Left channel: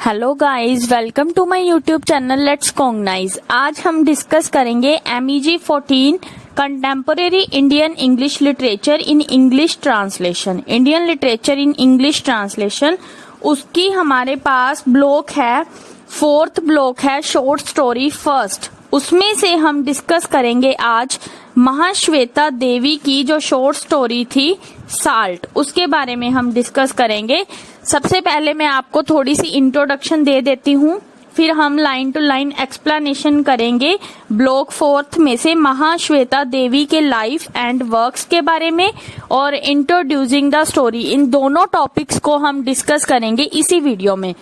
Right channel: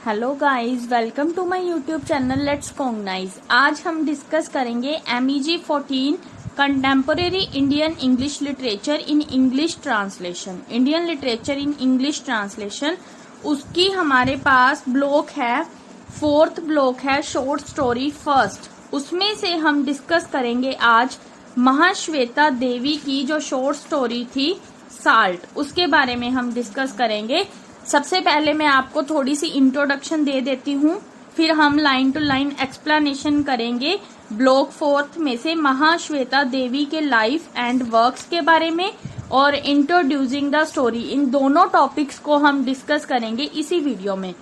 Hello guys, welcome to my YouTube channel let's cognize. आज हम discuss करेंगे MEG 14 contemporary Indian English literature in English translation. Indian literature in English translation, उसकी हमारे पास block है, fourth block है short story first. उसमें से हम डिस्कस करेंगे आज महाश्वेता देवी की जो शॉर्ट स्टोरी थी साल्ट, उसके बारे में हम डिस्कस करेंगे। सबसे पहले मैं आपको थोड़ी सी इंट्रोडक्शन दे देती हूँ, फिर हम लाइन टू लाइन एक्सप्लेनेशन करेंगे ब्लॉक फोर्थ में से महाश्वेता देवी के लाइफ एंड वर्क्स के बारे में और इंट्रोड्यूसिंग द स्टोरी। इन दोनों टॉपिक्स को हम डिस्कस करेंगे इसी वीडियो में।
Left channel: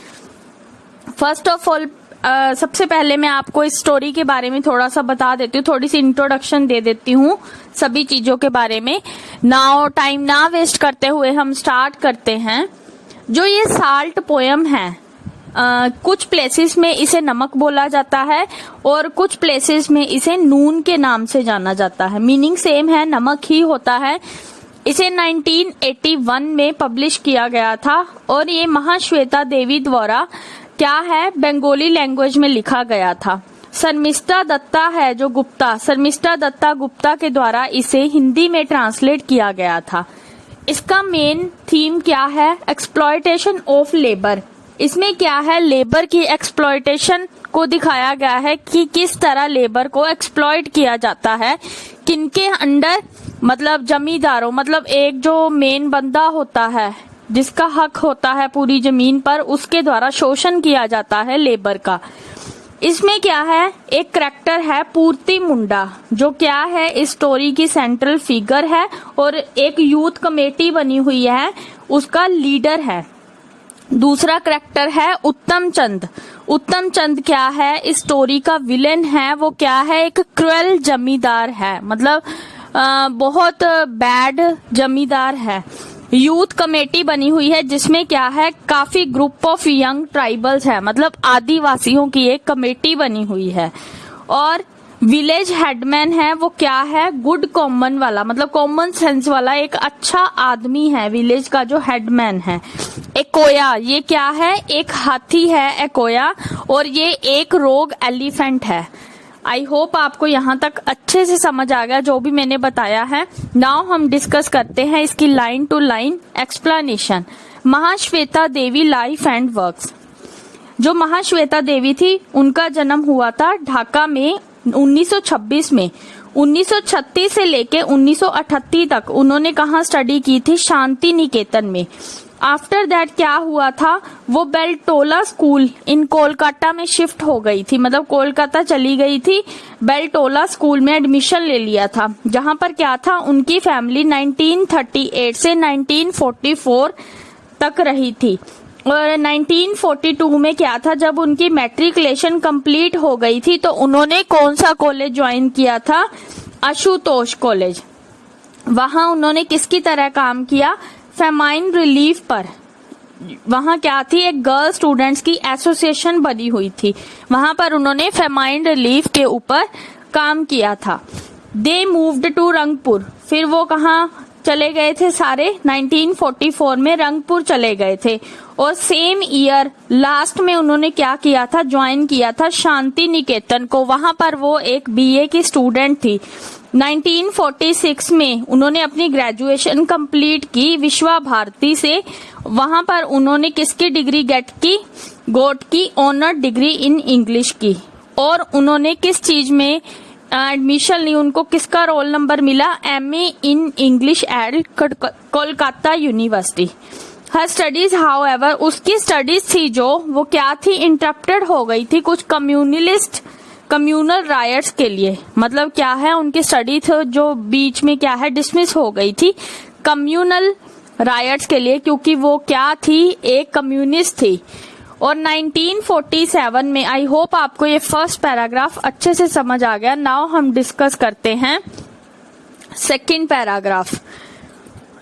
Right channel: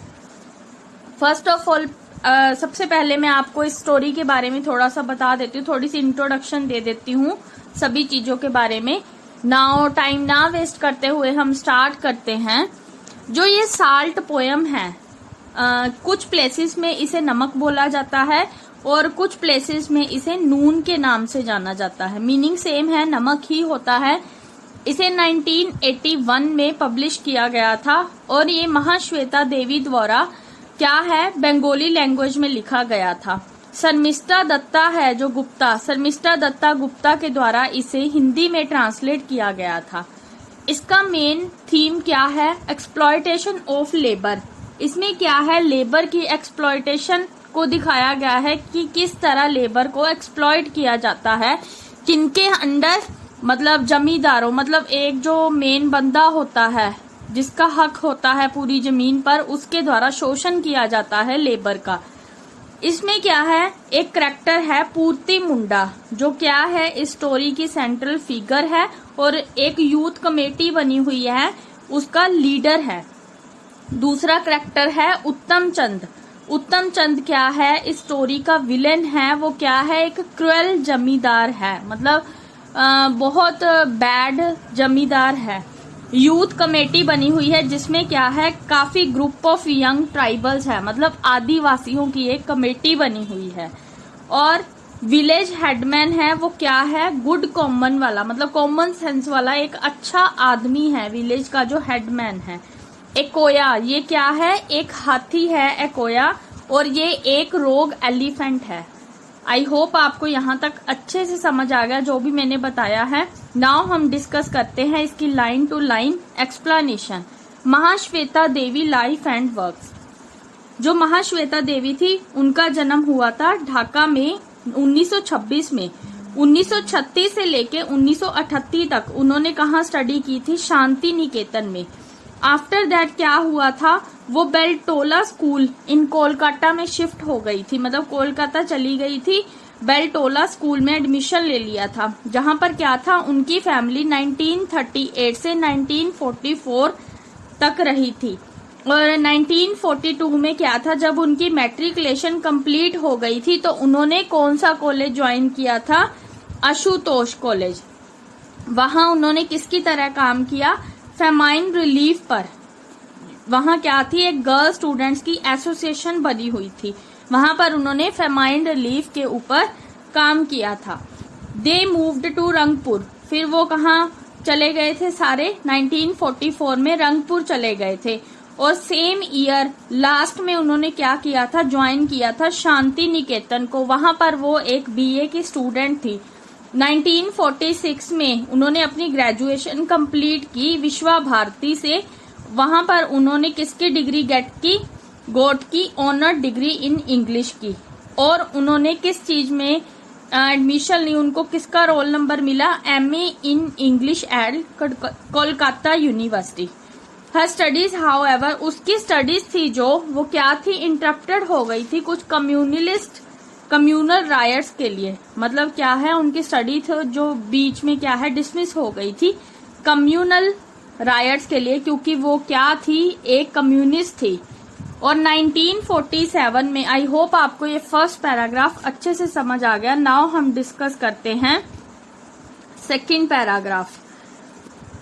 फर्स्ट ऑफ ऑल सबसे पहले मैं आपको इस स्टोरी के बारे में थोड़ा सा बता देती हूँ, थोड़ी सी इंट्रोडक्शन दे देती हूँ सभी चीजों के बारे में। नाउ टाइम ना वेस्ट करते हुए हम स्टार्ट करते हैं। जो ये साल्ट पोयम है, कुछ प्लेसेस में इसे नमक बोला जाता है और कुछ प्लेसेस में इसे नून के नाम से जाना जाता है। मीनिंग सेम है, नमक ही होता है। इसे 1981 में पब्लिश किया गया था और ये महाश्वेता देवी द्वारा क्या है, बंगाली लैंग्वेज में लिखा गया था। शर्मिष्ठा दत्ता है जो गुप्ता, शर्मिष्ठा दत्ता गुप्ता के द्वारा इसे हिंदी में ट्रांसलेट किया गया था। इसका मेन थीम क्या है, एक्सप्लॉयटेशन ऑफ लेबर। इसमें क्या है, लेबर की एक्सप्लॉयटेशन को दिखाया गया है कि किस तरह लेबर को एक्सप्लॉयट किया जाता है, किनके अंडर, मतलब जमींदारों, मतलब एक जो मेन बंदा होता है जिसका हक होता है पूरी जमीन पर, उसके द्वारा शोषण किया जाता है लेबर का। इसमें क्या है, एक करेक्टर है पूर्ति मुंडा, जो क्या है इस स्टोरी की सेंट्रल फिगर है और एक यूथ कमेटी बनी हुई है, उसका लीडर है। दूसरा करेक्टर है उत्तम चंद। उत्तम चंद क्या है, इस स्टोरी का विलेन है। वो क्या है, एक क्रूएल जमींदार है, मतलब बहुत बैड जमींदार है। यूथ कमेटी बनी हुई है जिसमें क्या है, काफी ग्रुप ऑफ यंग ट्राइबल्स है, मतलब आदिवासियों की एक कमेटी बनी हुई है। और विलेज हेडमैन है, वो क्या है, गुड कॉमन वाला, मतलब कॉमन सेंस वाला एक अच्छा आदमी है विलेज का जो हेडमैन है। एकोया, ये क्या है, एक हाथी है एकोया, और ये एक रोग एलिफेंट है। आई होप आपको यहाँ तक अच्छे से समझ आ गया जो भी मैंने बताया है। नाउ हम डिस्कस करते हैं इसकी line to line explanation. Mahasweta Devi life and works. जो महाश्वेता देवी थी उनका जन्म हुआ था ढाका में 1926 में। 1936 से लेके 1938 तक उन्होंने कहाँ स्टडी की थी, शांति निकेतन में। आफ्टर दैट क्या हुआ था, वो बेलटोला स्कूल इन कोलकाता में शिफ्ट हो गई थी, मतलब कोलकाता चली गई थी, बेलटोला स्कूल में एडमिशन ले लिया था, जहां पर क्या था, उनकी फैमिली 1938 से 1944 तक रही थी। और 1942 में क्या था, जब उनकी मैट्रिकुलेशन कंप्लीट हो गई थी तो उन्होंने कौन सा कॉलेज ज्वाइन किया था, आशुतोष कॉलेज। वहां उन्होंने किसकी तरह काम किया, फेमाइन रिलीफ पर। वहां क्या थी, एक गर्ल स्टूडेंट्स की एसोसिएशन बनी हुई थी, वहां पर उन्होंने फेमाइन रिलीफ के ऊपर काम किया था। दे मूव्ड टू रंगपुर, फिर वो कहाँ चले गए थे सारे, 1944 में रंगपुर चले गए थे। और सेम ईयर लास्ट में उन्होंने क्या किया था, ज्वाइन किया था शांति निकेतन को, वहां पर वो एक BA की स्टूडेंट थी। 1946 में उन्होंने अपनी ग्रेजुएशन कंप्लीट की विश्वा भारती से। वहां पर उन्होंने किसकी डिग्री गोट की ऑनर डिग्री इन इंग्लिश की। और उन्होंने किस चीज में एडमिशन ली, उनको किसका रोल नंबर मिला, MA in English at Kolkata university. Her studies however, उसकी स्टडीज थी जो वो क्या थी, इंटरप्टेड हो गई थी कुछ कम्युनल रायट्स के लिए। मतलब क्या है, उनकी स्टडी जो बीच में क्या है डिसमिस हो गई थी कम्युनल रायट्स के लिए, क्योंकि वो क्या थी, एक कम्युनिस्ट थी। और 1947 में, आई होप आपको ये फर्स्ट पैराग्राफ अच्छे से समझ आ गया। नाउ हम डिस्कस करते हैं सेकंड पैराग्राफ।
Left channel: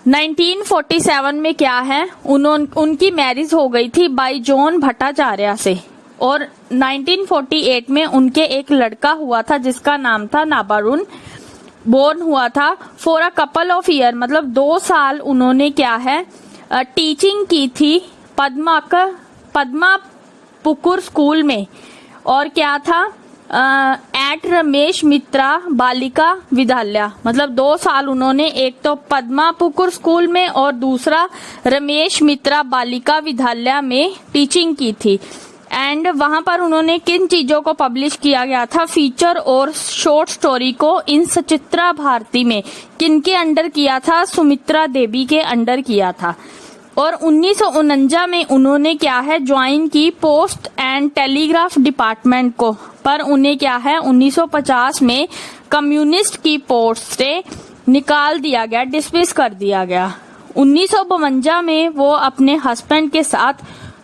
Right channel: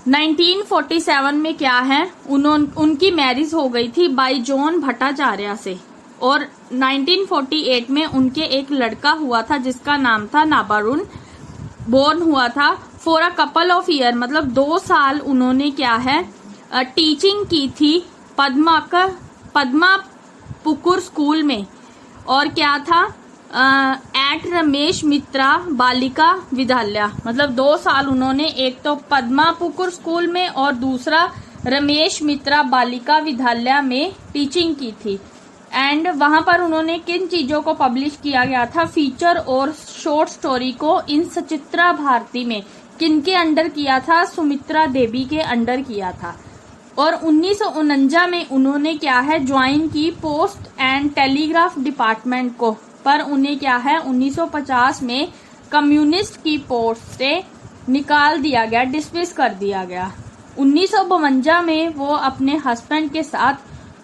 1947 में क्या है, उनकी मैरिज हो गई थी बाई जॉन भट्टाचार्य से। और 1948 में उनके एक लड़का हुआ था जिसका नाम था नाबारुन, बोर्न हुआ था। For a couple of year, मतलब 2 साल उन्होंने क्या है टीचिंग की थी पद्मा पुकुर स्कूल में, और क्या था एट रमेश मित्रा बालिका विद्यालय, मतलब 2 साल उन्होंने एक तो पद्मा पुकुर स्कूल में और दूसरा रमेश मित्रा बालिका विद्यालय में टीचिंग की थी। एंड वहां पर उन्होंने किन चीजों को पब्लिश किया गया था, फीचर और शॉर्ट स्टोरी को इन सचित्रा भारती में किनके अंडर किया था, सुमित्रा देवी के अंडर किया था। और 1949 में उन्होंने क्या है ज्वाइन की पोस्ट एंड टेलीग्राफ डिपार्टमेंट को, पर उन्हें क्या है 1950 में कम्युनिस्ट की पोस्ट से निकाल दिया गया, डिसमिस कर दिया गया। 1952 में वो अपने हस्बैंड के साथ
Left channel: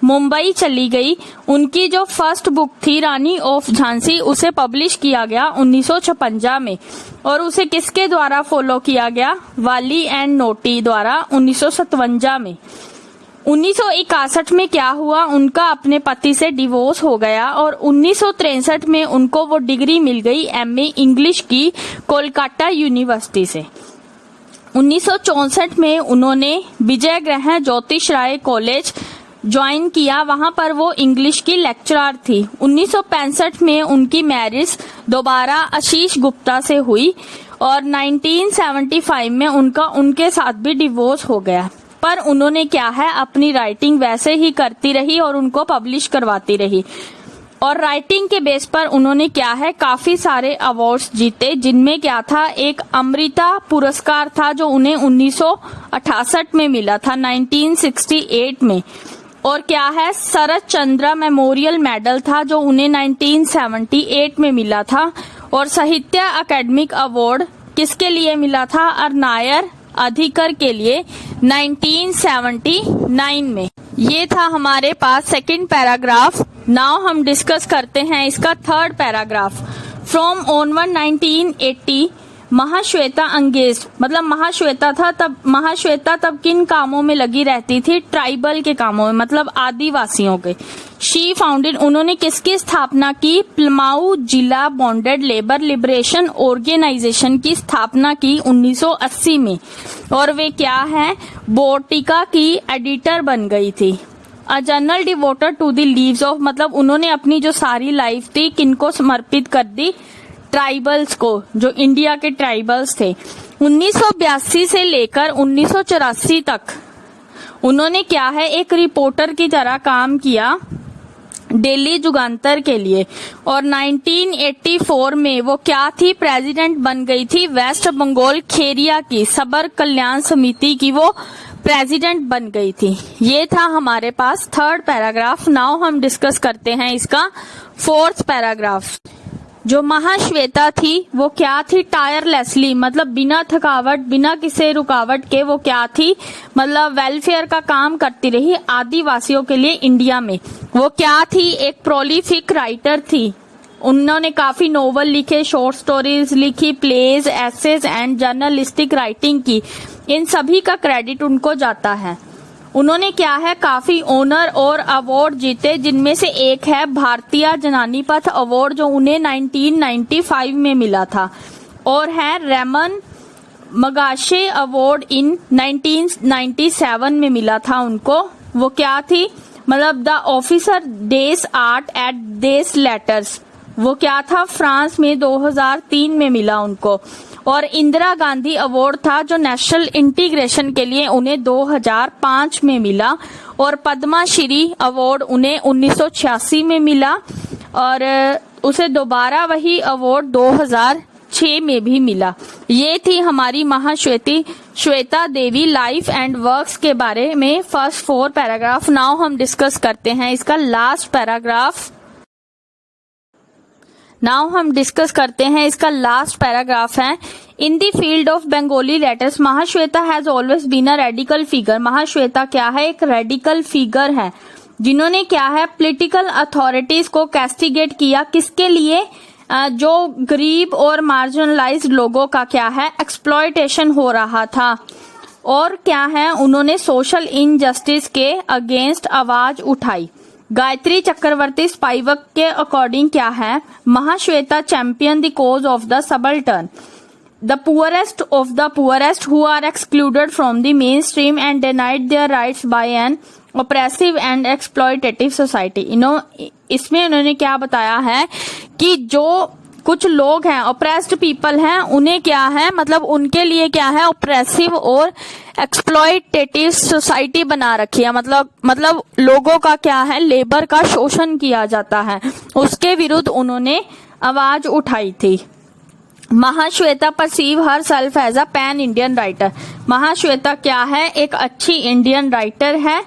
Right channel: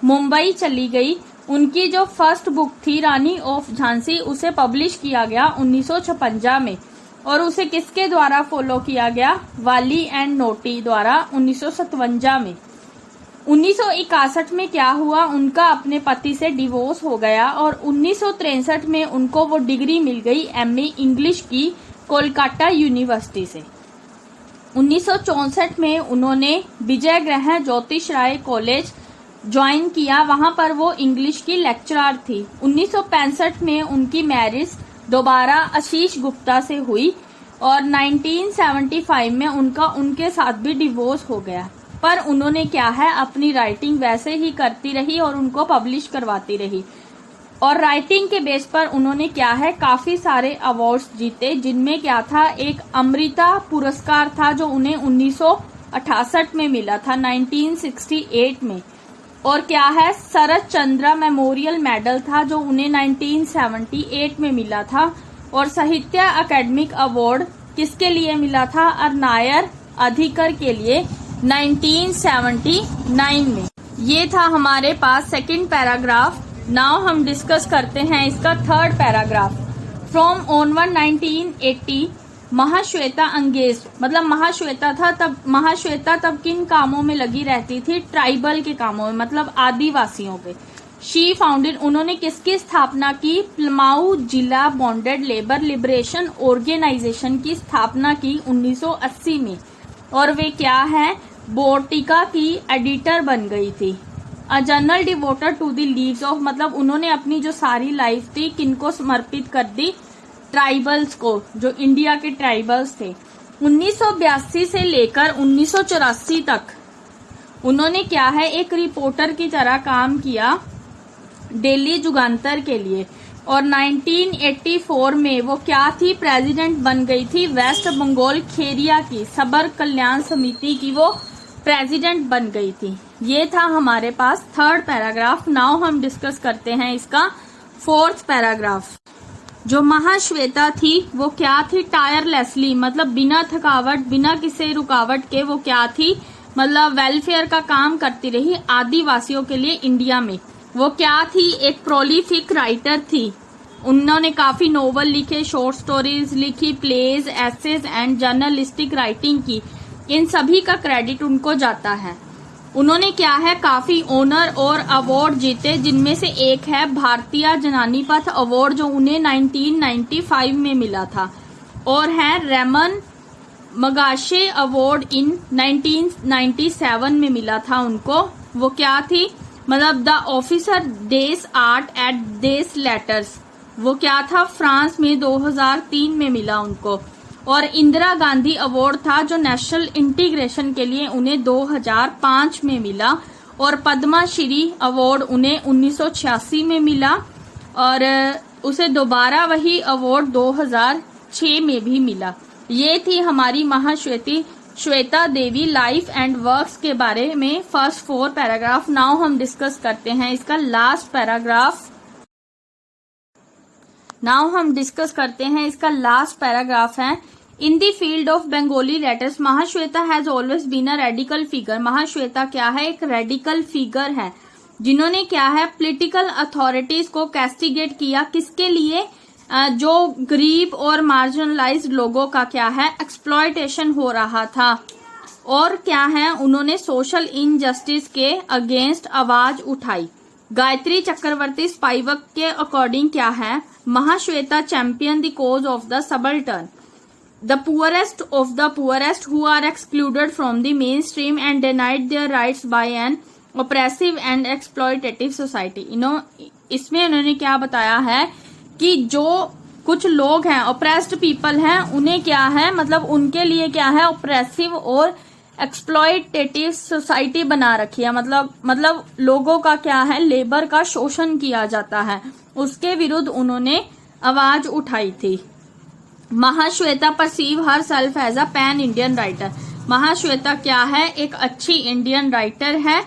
मुंबई चली गई। उनकी जो फर्स्ट बुक थी रानी ऑफ झांसी, उसे पब्लिश किया गया 1956 में, और उसे किसके द्वारा फॉलो किया गया, वाली एंड नोटी द्वारा 1957 में। 1961 में क्या हुआ, उनका अपने पति से डिवोर्स हो गया और 1963 में उनको वो डिग्री मिल गई एमए इंग्लिश की कोलकाता यूनिवर्सिटी से। 1964 में उन्होंने विजय ग्रहण ज्योतिष राय कॉलेज ज्वाइन किया, वहां पर वो इंग्लिश की लेक्चरर थी। 1965 में उनकी मैरिज दोबारा आशीष गुप्ता से हुई और 1975 में उनके साथ भी डिवोर्स हो गया। पर उन्होंने क्या है अपनी राइटिंग वैसे ही करती रही और उनको पब्लिश करवाती रही, और राइटिंग के बेस पर उन्होंने क्या है काफी सारे अवार्ड्स जीते, जिनमें क्या था एक अमृता पुरस्कार था जो उन्हें 1968 में मिला था 1968 में, और क्या है शरद चंद्र मेमोरियल मेडल था जो उन्हें 1978 में मिला था, और साहित्य अकेडमिक अवार्ड किसके लिए मिला था, नायर अधिकर के लिए 1979 में। ये था हमारे पास सेकंड पैराग्राफ। नाउ हम डिस्कस करते हैं इसका third paragraph. From onward 1980 Mahasweta engages, मतलब महाश्वेता तब किन कामों में लगी रहती थी, ट्राइबल के कामों में, मतलब आदिवासियों के। शी फाउंडेड, उन्होंने किसकी स्थापना की, प्लमाऊ जिला बॉन्डेड लेबर लिबरेशन ऑर्गेनाइजेशन की स्थापना की 1980 में, और वे क्या है बोटिका की एडिटर बन गई थी। A journal devoted to the lives of, मतलब उन्होंने अपनी जो सारी लाइफ थी किनको समर्पित कर दी, ट्राइबल्स को, जो इंडिया के ट्राइबल्स थे। 1982 से लेकर 1984 तक उन्होंने क्या है एक रिपोर्टर की तरह काम किया दिल्ली जुगांतर के लिए, और 1984 में वो क्या थी, प्रेसिडेंट बन गई थी वेस्ट बंगाल खेरिया की सबर कल्याण समिति की, वो प्रेसिडेंट बन गई थी। ये था हमारे पास थर्ड पैराग्राफ। नाउ हम डिस्कस करते हैं इसका फोर्थ पैराग्राफ। जो महाश्वेता थी वो क्या थी, टायरलेसली, मतलब बिना थकावट बिना किसी रुकावट के वो क्या थी, मतलब वेलफेयर का काम करती रही आदिवासियों के लिए इंडिया में। वो क्या थी, एक प्रोलिफिक राइटर थी। उन्होंने काफी नोवेल लिखे, शॉर्ट स्टोरीज लिखी, plays, essays and journalistic writing की। इन सभी का क्रेडिट उनको जाता है। उन्होंने क्या है काफी ऑनर और अवार्ड जीते, जिनमें से एक है भारतीय जनानी पथ अवार्ड जो उन्हें 1995 में मिला था, और है रेमन मगाशे अवार्ड इन 1997 में मिला था उनको। वो क्या थी, मतलब the officer des arts et des lettres, वो क्या था फ्रांस में 2003 में मिला उनको। और इंदिरा गांधी अवार्ड था जो नेशनल इंटीग्रेशन के लिए उन्हें 2005 में मिला, और पद्मा श्री अवार्ड उन्हें 1986 में मिला, और उसे दोबारा वही अवार्ड 2006 में भी मिला। ये थी हमारी Shweta Devi life and works के बारे में फर्स्ट 4 पैराग्राफ। नाउ हम डिस्कस करते हैं इसका लास्ट पैराग्राफ। नाउ हम डिस्कस करते हैं इसका लास्ट पैराग्राफ है। In the field of Bengali letters Mahasweta has always been a radical figure. Mahasweta क्या है, एक रेडिकल फिगर है, जिन्होंने क्या है पॉलिटिकल अथॉरिटीज को कैस्टिगेट किया, किसके लिए, जो गरीब और मार्जिनलाइज्ड लोगों का क्या है एक्सप्लॉयटेशन हो रहा था, और क्या है उन्होंने सोशल इनजस्टिस के अगेंस्ट आवाज उठाई। गायत्री चक्रवर्ती स्पाइवक के अकॉर्डिंग क्या है, Mahasweta champion the cause of the subaltern, the poorest of the poorest who are excluded from the mainstream and denied their rights by an oppressive and exploitative society. इसमें उन्होंने क्या बताया है कि जो कुछ लोग हैं, ऑपरेस्ड पीपल हैं, उन्हें क्या है, मतलब उनके लिए क्या है, ऑपरेसिव और एक्सप्लॉयटेटिव सोसाइटी बना रखी है। मतलब लोगों का क्या है, लेबर का शोषण किया जाता है, उसके विरुद्ध उन्होंने आवाज उठाई थी। Mahasweta perceive herself as a pan Indian writer. Mahasweta क्या है, एक अच्छी इंडियन राइटर है।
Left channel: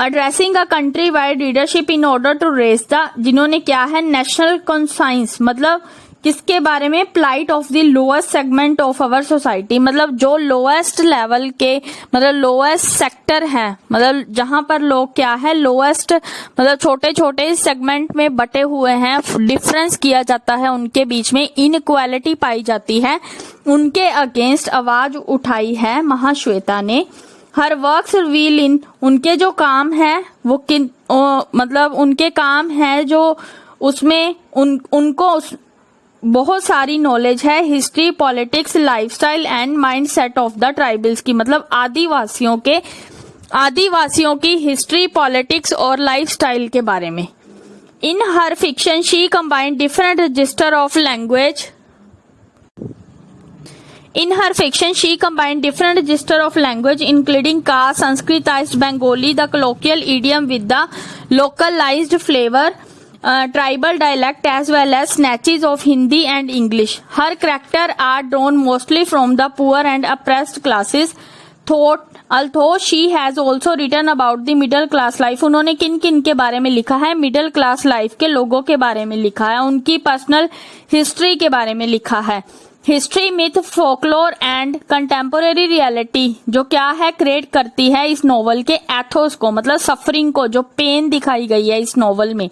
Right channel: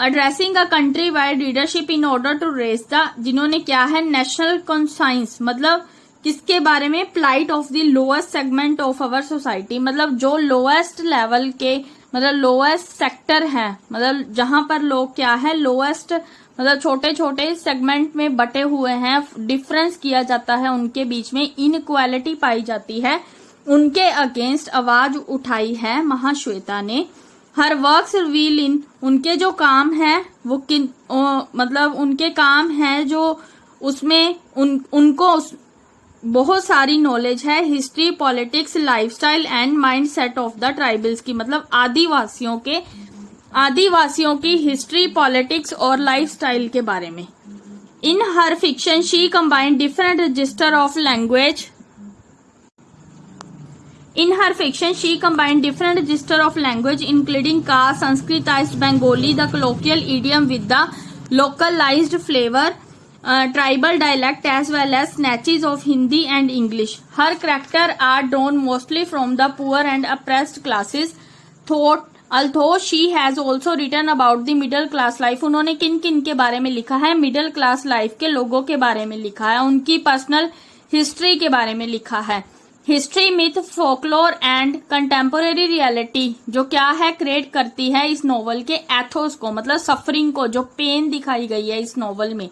Addressing a country wide leadership in order to raise the, जिन्होंने क्या है, नेशनल कॉन्साइंस, मतलब किसके बारे में, plight of the lowest segment of our society, मतलब जो लोएस्ट लेवल के, मतलब लोएस्ट सेक्टर है, मतलब जहां पर लोग क्या है, लोएस्ट, मतलब छोटे छोटे सेगमेंट में बटे हुए हैं, डिफरेंस किया जाता है उनके बीच में, इनइक्वालिटी पाई जाती है, उनके अगेंस्ट आवाज उठाई है महाश्वेता ने। हर वर्क्स रिवील इन, उनके जो काम है वो मतलब उनके काम है जो उसमें उनको बहुत सारी नॉलेज है, history, politics, lifestyle and mindset of the tribals की, मतलब आदिवासियों की हिस्ट्री, पॉलिटिक्स और लाइफस्टाइल के बारे में। In her fiction she combined different register of language. In her fiction, she combined different register of language, including Ka, Sanskritized Bengali, the colloquial idiom with the localized flavor, tribal dialect, as well as snatches of Hindi and English. Her characters are drawn mostly from the poor and oppressed classes. Although she has also written about the middle class life. उन्होंने किन किन के बारे में लिखा है, middle class life के लोगों के बारे में लिखा है, उनकी पर्सनल हिस्ट्री के बारे में लिखा है। History, myth, folklore and contemporary reality जो क्या है, क्रिएट करती है इस नॉवल के एथोस को, मतलब सफरिंग को, जो पेन दिखाई गई है इस नॉवल में।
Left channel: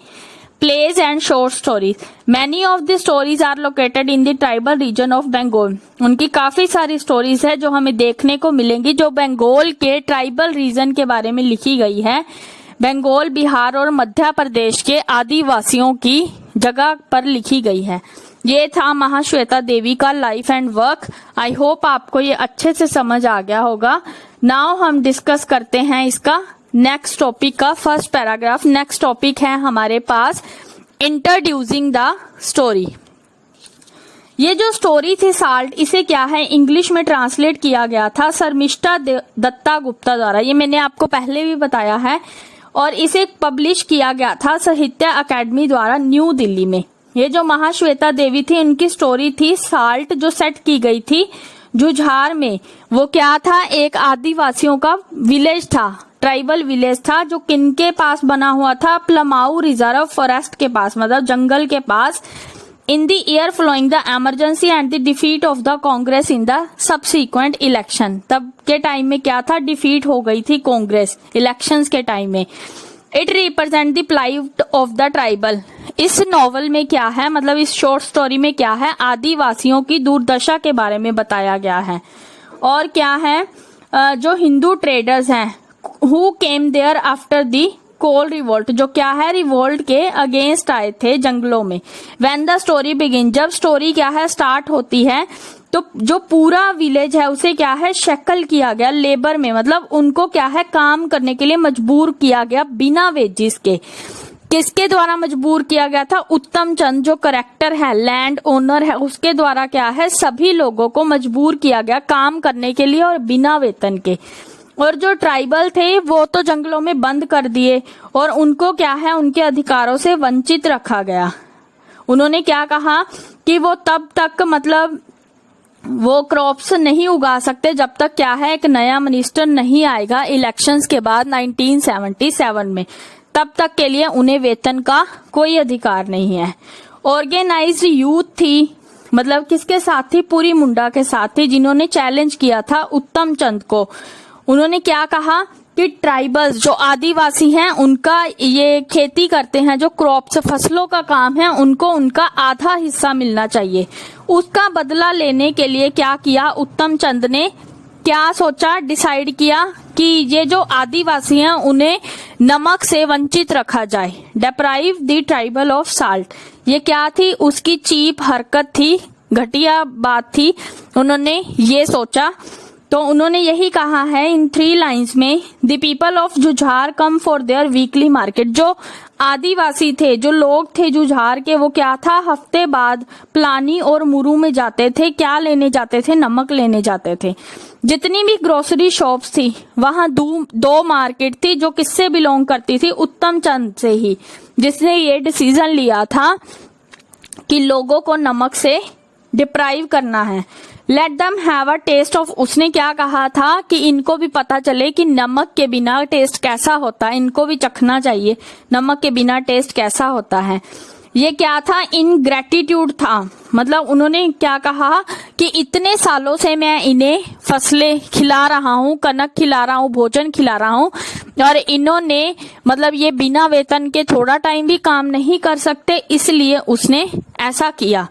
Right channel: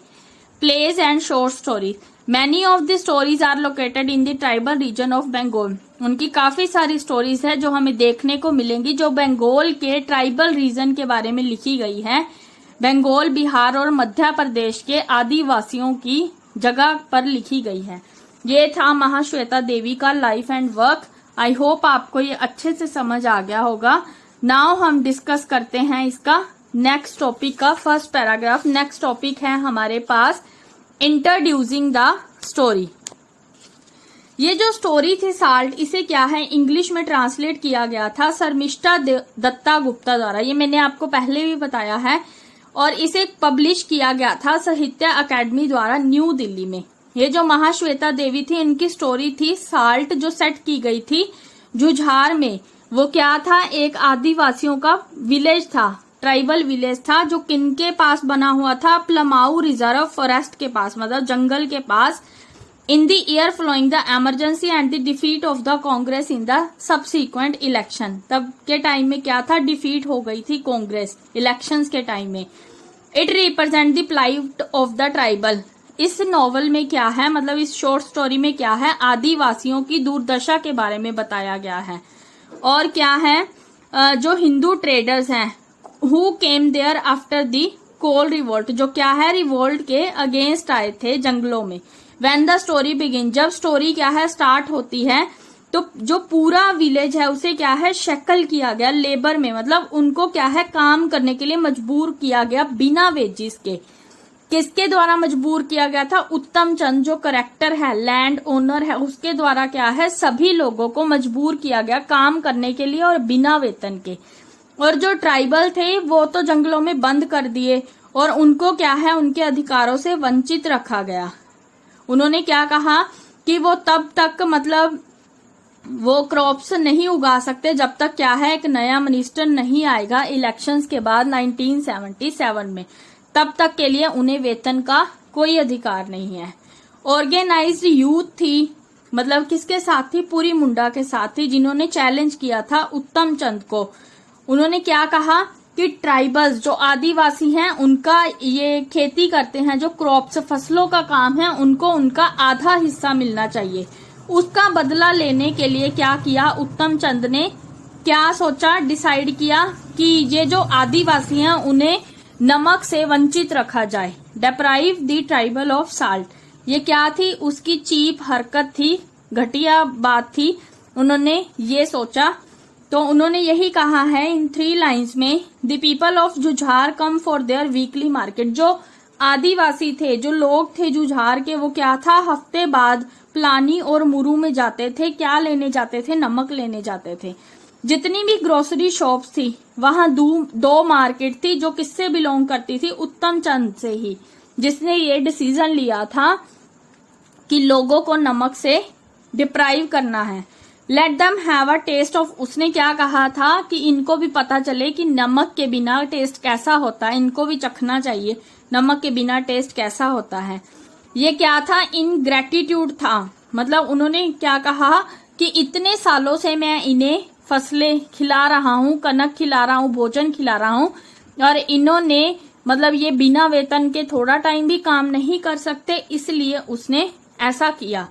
Plays and short stories, many of the stories are located in the tribal region of Bengal. उनकी काफी सारी स्टोरीज है जो हमें देखने को मिलेंगी जो बंगाल के ट्राइबल रीजन के बारे में लिखी गई है। बंगाल, बिहार और मध्य प्रदेश के आदिवासियों की जगह पर लिखी गई है। ये था महाश्वेता देवी का life and work. I hope आपको ये अच्छे से समझ आ गया होगा। नाउ हम डिस्कस करते हैं इसका नेक्स्ट टॉपिक का फर्स्ट पैराग्राफ। नेक्स्ट टॉपिक है हमारे पास इंट्रोड्यूसिंग द स्टोरी। ये जो स्टोरी थी साल्ट, इसे क्या है, इंग्लिश में ट्रांसलेट किया गया था शर्मिष्ठा दत्ता गुप्ता द्वारा। ये मैंने आपको पहले भी बताया है। और इसे पब्लिश किया गया था साहित्य अकादमी द्वारा न्यू दिल्ली में। ये जो महाश्वेता देवी थी, इनकी स्टोरी थी साल्ट, जो सेट की गई थी जुझार में। वो क्या था, एक आदिवासियों का विलेज था, ट्राइबल विलेज था, जो किनके पास बना हुआ था, प्लमाऊ रिजर्व फॉरेस्ट के पास, मतलब जंगल के पास। In the year following the emergency and the defeat of the Congress in the subsequent election. तब के टाइम में क्या था, डिफीट हो गई थी कांग्रेस इलेक्शंस के टाइम में। It represent the plight of the tribal. इस नॉवल में क्या है, मतलब इस शॉर्ट स्टोरी में क्या है, आदिवासियों की दुर्दशा के बारे में बताया गया है। और क्या है, जो हिंदू ट्रेडर्स हैं, who came there after the Kol revolt, जो क्या है, रिवोल्ट के अगेंस्ट आए थे जंगलों में। व्हेन द स्टोरी बिगिन, जब स्टोरी क्या है स्टार्ट होती है, तो जो पूरा विलेज है उसे क्या है, शक्ल किया गया लेबर में, मतलब उनको क्या है, काम करने के लिए मजबूर किया गया बिना वेजिस के। किसके द्वारा मजबूर किया गया था, उत्तम चंद जो करेक्टर है, लैंड ओनर है, उसके द्वारा क्या है, सभी लोगों को मजबूर किया गया काम करने के लिए और बिना वेतन के। और जो ट्राइबल थे वो तो जंगलों में बंद कर दिए और उनको क्या है, उनके अधिकारों से वंचित रखा गया। उन्होंने क्या कहा कि वो तब तक, मतलब वो क्रॉप्स नहीं उगा सकते जब तक क्या है, एक नया मिनिस्टर नहीं आएगा इलेक्शंस के बाद 1977 में, तब तक के लिए उन्हें वेतन का कोई अधिकार नहीं है। ऑर्गेनाइज्ड यूथ थी, मतलब किसके साथ थी, पूरी मुंडा के साथ थी, जिन्होंने चैलेंज किया था उत्तम चंद को। उन्होंने क्या कहा कि ट्राइबल्स जो आदिवासी हैं, उनका ये खेती करते हैं, जो क्रॉप्स फसलों का काम है, उनको उनका आधा हिस्सा मिलना चाहिए। उसका बदला लेने के लिए क्या किया, उत्तम चंद ने क्या सोचा, डिसाइड किया कि ये जो आदिवासी हैं उन्हें नमक से वंचित रखा जाए। डेप्राइव द ट्राइबल ऑफ साल्ट, ये क्या थी, उसकी चीप हरकत थी, घटिया बात थी। उन्होंने ये सोचा तो उन्होंने यही कहा है इन 3 लाइन्स में, the people of Jujhar come for their weekly market. जो आदिवासी थे, जो लोग थे जुझार के, वो क्या था, हफ्ते बाद प्लानी और मुरू में जाते थे। क्या लेने जाते थे? नमक लेने जाते थे। जितनी भी ग्रोसरी शॉप्स थी वहां 2 मार्केट थी जो किससे बिलोंग करती थी? उत्तम चंद से ही, जिसने ये डिसीजन लिया था कि लोगों को नमक से डिप्राइव करना है। Let them have a taste of, उसने क्या कहा था कि इनको भी पता चले कि नमक के बिना टेस्ट कैसा होता है, इनको भी चखना चाहिए नमक के बिना टेस्ट कैसा होता है। ये क्या था? इन ग्रेटिट्यूड था। मतलब उन्होंने क्या कहा कि इतने सालों से मैं इन्हें फसलें खिला रहा हूँ, कनक खिला रहा हूँ, भोजन खिला रहा हूँ, और इन्होंने मतलब ये बिना वेतन के थोड़ा टाइम भी काम नहीं कर सकते, इसलिए उसने ऐसा किया।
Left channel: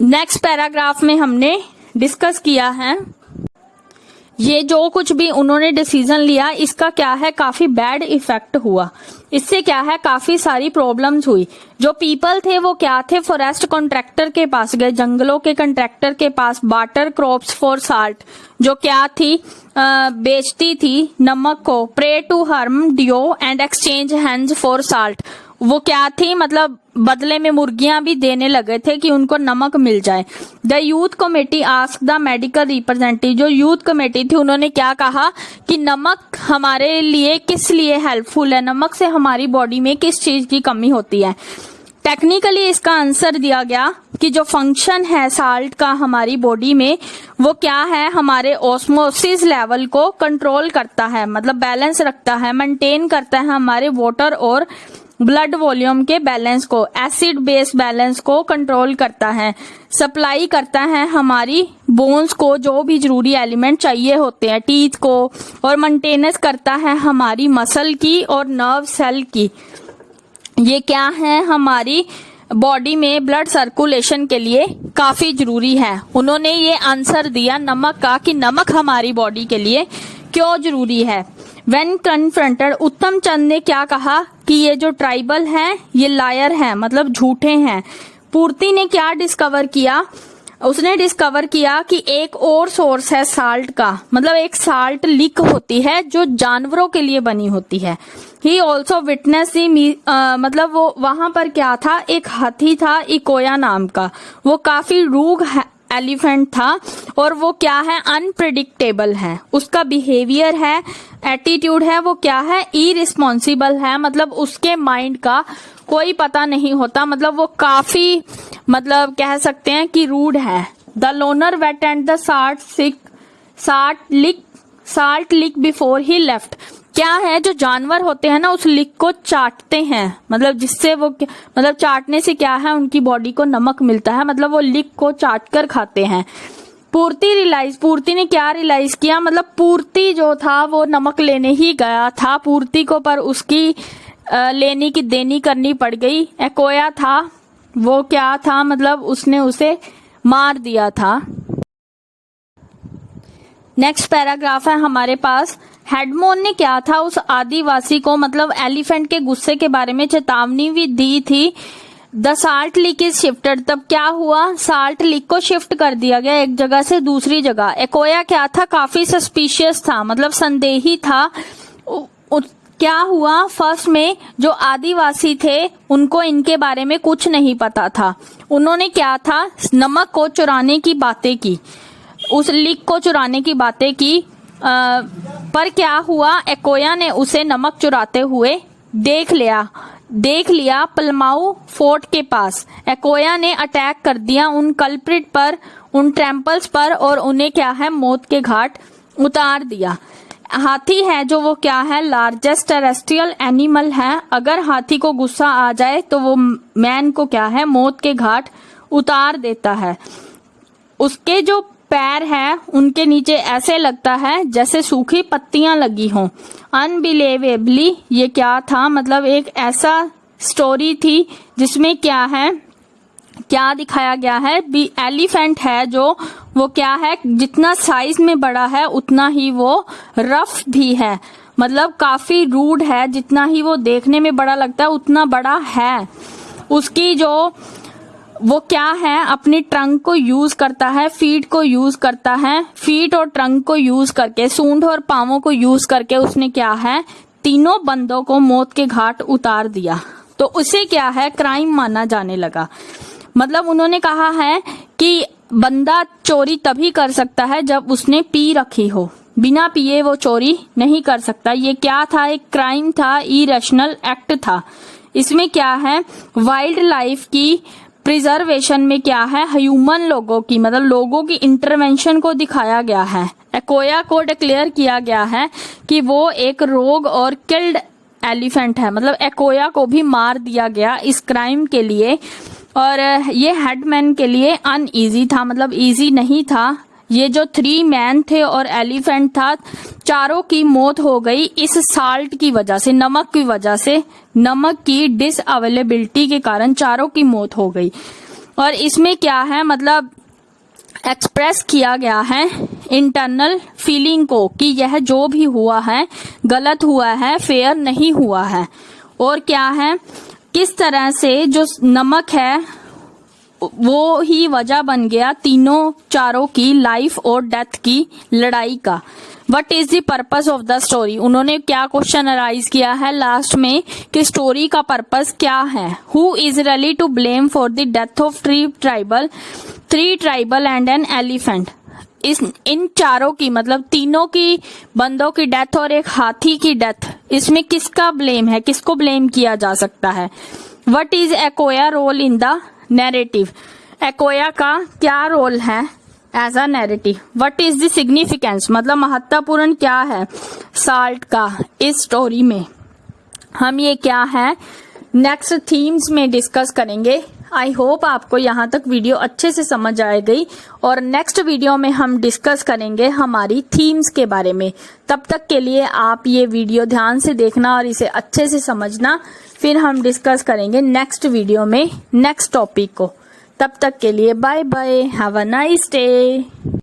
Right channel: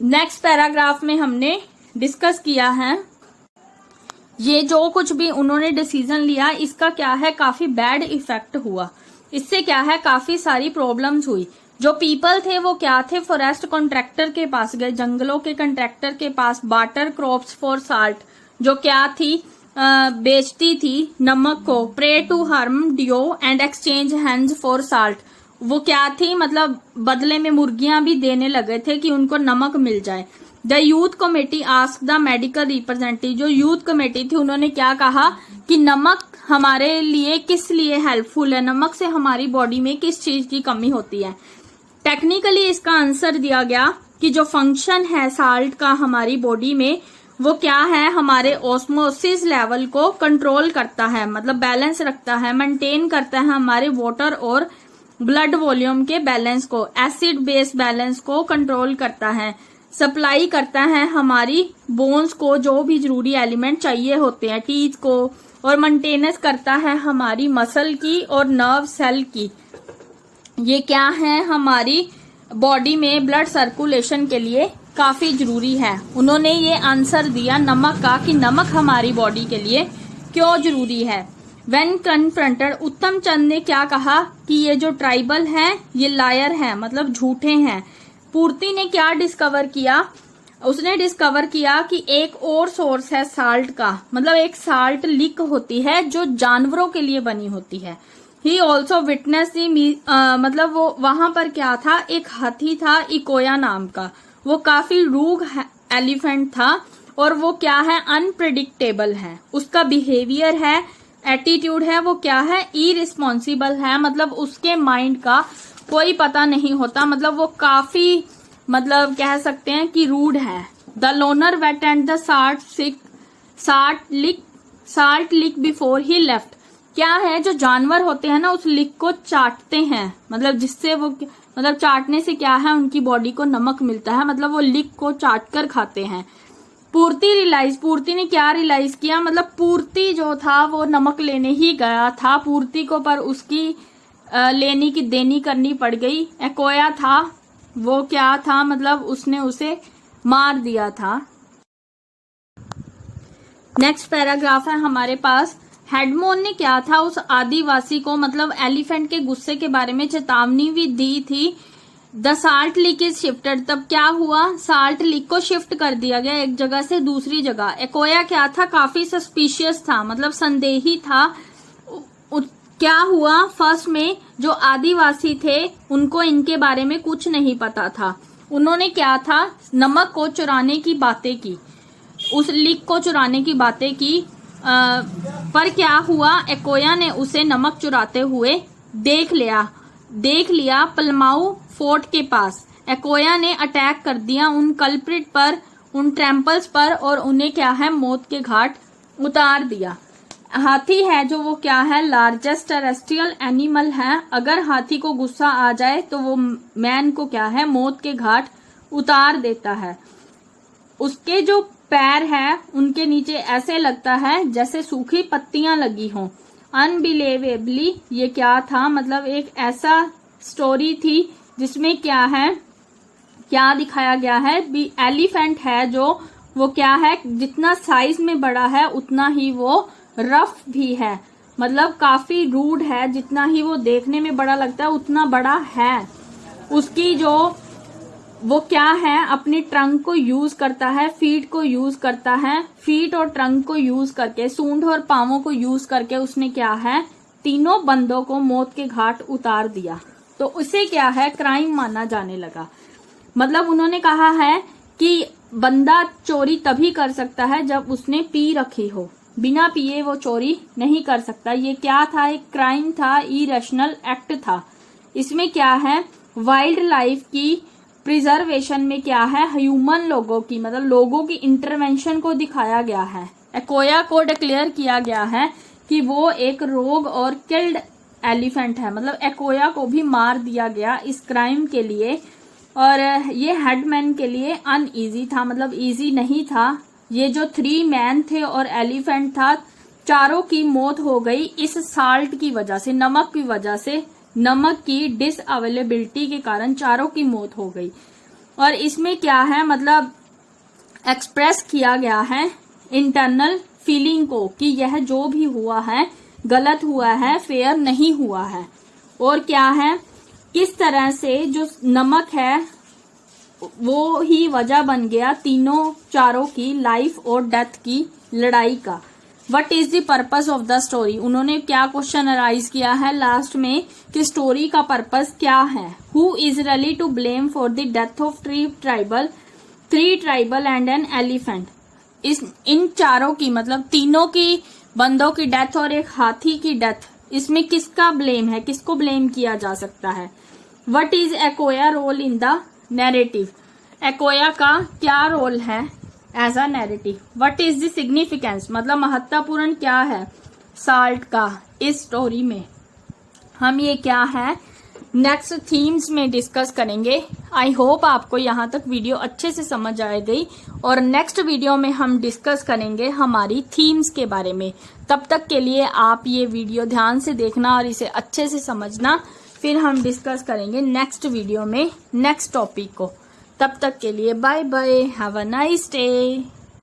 नेक्स्ट पैराग्राफ में हमने डिस्कस किया है ये जो कुछ भी उन्होंने डिसीजन लिया, इसका क्या है, काफी बैड इफेक्ट हुआ। इससे क्या है, काफी सारी प्रॉब्लम्स हुई। जो पीपल थे वो क्या थे, फॉरेस्ट कॉन्ट्रैक्टर के पास गए, जंगलों के कॉन्ट्रैक्टर के पास, बाटर क्रॉप्स फॉर साल्ट, जो क्या थी, बेचती थी नमक को, प्रे टू हार्म डियो and exchange hands for salt. वो क्या थी, मतलब बदले में मुर्गियां भी देने लगे थे कि उनको नमक मिल जाए। The youth committee ask the medical representative, जो यूथ कमेटी थी उन्होंने क्या कहा कि नमक हमारे लिए किस लिए हेल्पफुल है, नमक से हमारी बॉडी में किस चीज की कमी होती है। टेक्निकली इसका आंसर दिया गया कि जो फंक्शन है साल्ट का हमारी बॉडी में, वो क्या है, हमारे ऑस्मोसिस लेवल को कंट्रोल करता है, मतलब बैलेंस रखता है, मेंटेन करता है हमारे वाटर और ब्लड वॉल्यूम के बैलेंस को, एसिड बेस बैलेंस को कंट्रोल करता है, सप्लाई करता है हमारी बोन्स को जो भी जरूरी एलिमेंट चाहिए होते हैं, टीथ को, और मेंटेनेंस करता है हमारी मसल की और नर्व सेल की। ये क्या है, हमारी बॉडी में ब्लड सर्कुलेशन के लिए काफी जरूरी है। उन्होंने ये आंसर दिया नमक का कि नमक हमारी बॉडी के लिए क्यों जरूरी है। When confronted, उत्तम चंद ने क्या कहा कि ये जो ट्राइबल हैं ये लायर हैं, मतलब झूठे हैं। पूर्ति ने क्या डिस्कवर किया, उसने डिस्कवर किया कि एक और सोर्स है साल्ट का, मतलब एक साल्ट लिक होती है जो जानवरों के लिए बनी होती है। ही ऑल्सो विटनेस मतलब वो वहां पर क्या था, एक हाथी था इकोया नाम का, वो काफी रूग एलिफेंट था, और वो क्या है, अनप्रिडिक्टेबल है, उसका बिहेवियर है, एटीट्यूड है, वो क्या है, इरिस्पॉन्सिबल है, मतलब उसके माइंड का कोई पता नहीं होता, मतलब वो काफी मतलब कह सकते हैं कि रूड है। The loner wait and the salt lick before he left, क्या है, जो जानवर होते हैं ना उस लिक को चाटते हैं, मतलब जिससे वो मतलब चाटने से क्या है, उनकी बॉडी को नमक मिलता है, मतलब वो लिक को चाट कर खाते हैं। पूर्ति ने क्या रियलाइज किया, मतलब पूर्ति जो था वो नमक लेने ही गया था, पूर्ति को पर उसकी लेने की देनी करनी पड़ गई। एकोया था वो क्या था, मतलब उसने उसे मार दिया था। नेक्स्ट पैराग्राफ है हमारे पास। हेडमोन ने क्या था, उस आदिवासी को मतलब एलिफेंट के गुस्से के बारे में चेतावनी भी दी थी। The salt leak is shifted, तब क्या हुआ, साल्ट लीक को शिफ्ट कर दिया गया एक जगह से दूसरी जगह। एकोया क्या था, काफी सस्पिशियस था, मतलब संदेही था। क्या हुआ, फर्स्ट में जो आदिवासी थे उनको इनके बारे में कुछ नहीं पता था, उन्होंने क्या था, नमक को चुराने की बातें की, उस लीक को चुराने की बातें की। पर क्या हुआ, एकोया ने उसे नमक चुराते हुए देख लिया पलमाऊ फोर्ट के पास। एकोया ने अटैक कर दिया उन कल्प्रिट पर, उन ट्रैम्पल्स पर, और उन्हें क्या है, मौत के घाट उतार दिया। हाथी है जो वो क्या है, लार्जेस्ट टेरेस्ट्रियल एनिमल है, अगर हाथी को गुस्सा आ जाए तो वो मैन को क्या है, मौत के घाट उतार देता है। उसके जो पैर है उनके नीचे ऐसे लगता है जैसे सूखी पत्तियां लगी हों। अनबिलीवेबली ये क्या था, मतलब एक ऐसा स्टोरी थी जिसमें क्या है, क्या दिखाया गया है, एलिफेंट है जो वो क्या है, जितना साइज में बड़ा है उतना ही वो रफ भी है, मतलब काफी रूड है, जितना ही वो देखने में बड़ा लगता है उतना बड़ा है। उसकी जो वो क्या है, अपनी ट्रंक को यूज करता है, फीट को यूज करता है, फीट और ट्रंक को यूज करके, सूंड और पांवों को यूज करके उसने क्या है, तीनों बंदों को मौत के घाट उतार दिया। तो उसे क्या है, क्राइम माना जाने लगा। मतलब उन्होंने कहा है कि बंदा चोरी तभी कर सकता है जब उसने पी रखी हो, बिना पिए वो चोरी नहीं कर सकता। ये क्या था, एक क्राइम था, इरेशनल एक्ट था। इसमें क्या है, वाइल्ड लाइफ की प्रिजर्वेशन में क्या है, ह्यूमन लोगों की, मतलब लोगों की इंटरवेंशन को दिखाया गया है। एकोया को डिक्लेयर किया गया है कि वो एक रोग और किल्ड एलिफेंट है। मतलब एकोया को भी मार दिया गया इस क्राइम के लिए। और ये हेडमैन के लिए अनईजी था, मतलब इजी नहीं था। ये जो 3 मैन थे और एलिफेंट था, चारों की मौत हो गई इस साल्ट की वजह से, नमक की वजह से, नमक की डिसअवेलेबिलिटी के कारण चारों की मौत हो गई। और इसमें क्या है, मतलब एक्सप्रेस किया गया है इंटरनल फीलिंग को कि यह जो भी हुआ है गलत हुआ है, फेयर नहीं हुआ है। और क्या है, किस तरह से जो नमक है वो ही वजह बन गया तीनों चारों की लाइफ और डेथ की लड़ाई का। What is the purpose of the story, उन्होंने क्या क्वेश्चन अराइज किया है लास्ट में कि स्टोरी का पर्पस क्या है। Who is really to blame for the death of 3 tribal and an elephant. इन चारों की, मतलब तीनों की बंदों की डेथ और एक हाथी की डेथ, इसमें किसका ब्लेम है, किसको ब्लेम किया जा सकता है। What is Ekoya role in the narrative, Ekoya का क्या रोल है as a narrative. What is the significance, मतलब महत्वपूर्ण क्या है साल्ट का इस स्टोरी में। हम ये क्या है नेक्स्ट थीम्स में डिस्कस करेंगे। आई होप आपको यहाँ तक वीडियो अच्छे से समझ आ गई, और नेक्स्ट वीडियो में हम डिस्कस करेंगे हमारी थीम्स के बारे में। तब तक के लिए आप ये वीडियो ध्यान से देखना और इसे अच्छे से समझना, फिर हम डिस्कस करेंगे नेक्स्ट वीडियो में नेक्स्ट टॉपिक को। तब तक के लिए bye bye, have a nice day.